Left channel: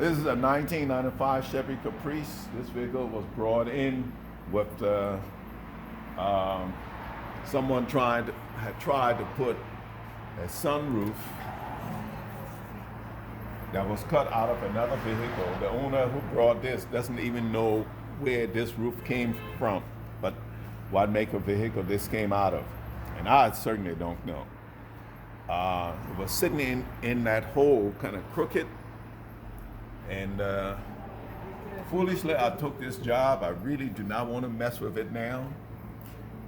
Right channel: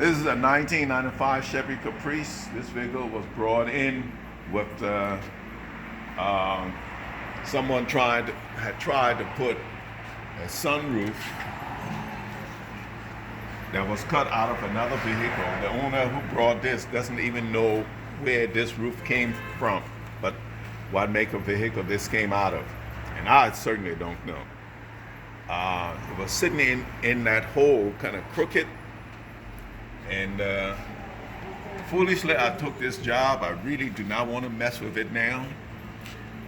This is a 1995 Chevy Caprice. This vehicle was brought in with someone had tried to put a sunroof that was cut out of another vehicle. The owner who brought this doesn't even know where this roof came from, but what make of vehicle this came out of. And I certainly don't know. It was sitting in that hole, kind of crooked. And foolishly, I took this job. I really do not want to mess with it now,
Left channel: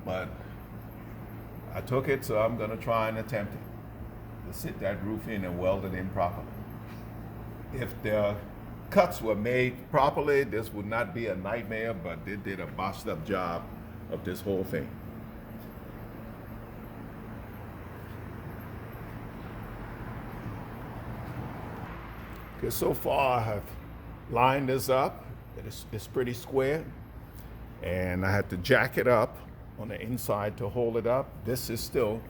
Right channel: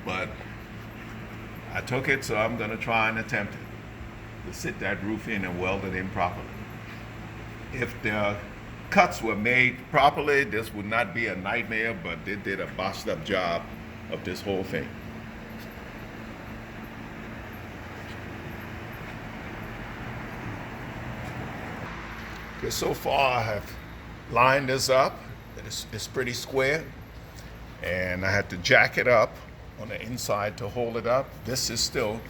but I took it, so I'm going to try and attempt to sit that roof in and weld it in properly. If the cuts were made properly, this would not be a nightmare, but they did a botched up job of this whole thing. Because so far I have lined this up. It's pretty square, and I had to jack it up on the inside to hold it up. This is still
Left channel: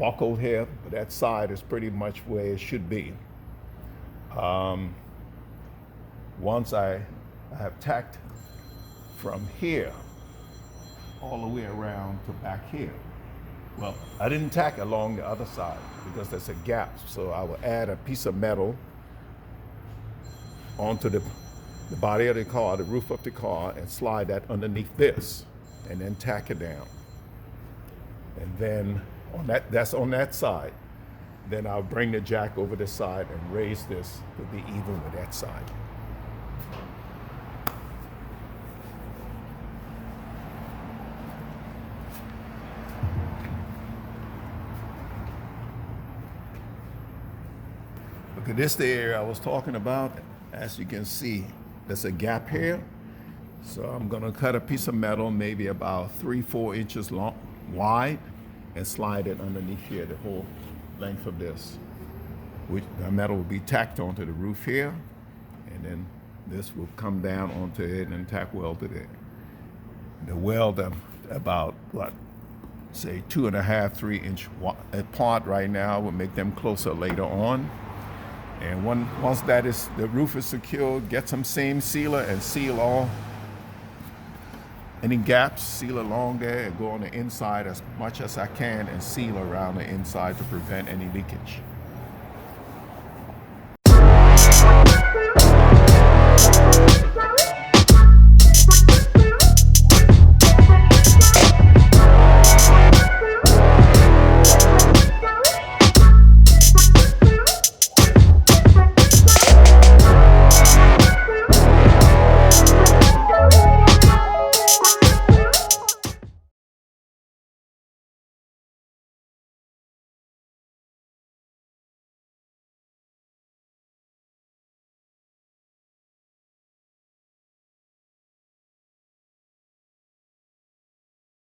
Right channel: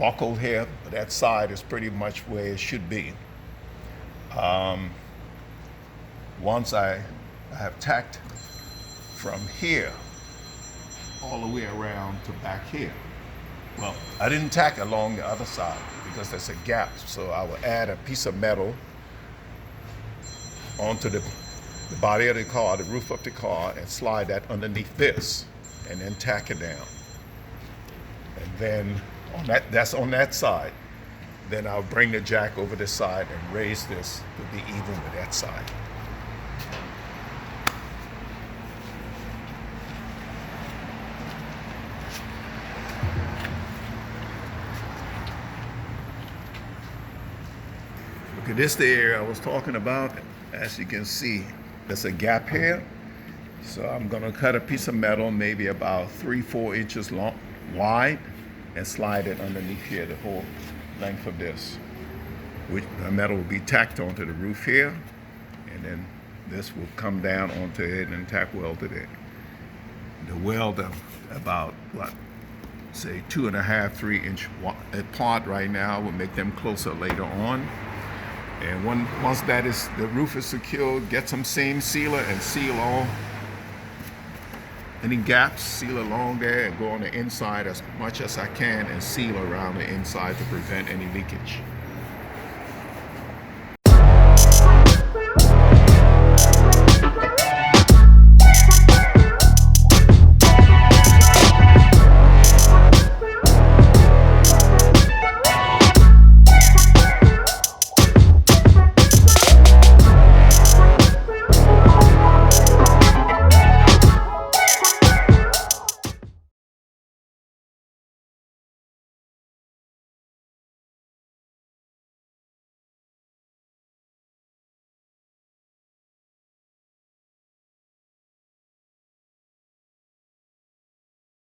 buckled here, but that side is pretty much where it should be. Once I have tacked from here all the way around to back here. Well, I didn't tack along the other side because there's a gap, so I will add a piece of metal onto the body of the car, the roof of the car, and slide that underneath this, and then tack it down. And then that's on that side. Then I'll bring the jack over the side and raise this to be even with that side. Okay, this is the area I was talking about. As you can see, there's a gap here. So I'm gonna cut a piece of metal, maybe about 3-4 inches long, wide, and slide it underneath here, the whole length of this. Which the metal will be tacked onto the roof here, and then this will come down onto it and tack welded in. The weld about say 2.5-3 inch apart right now. We'll make them closer later on. And once the roof is secured, get some seam sealer and seal all any gaps, seal along there, and go on the inside as much as I can and seal around the inside to prevent any leakage.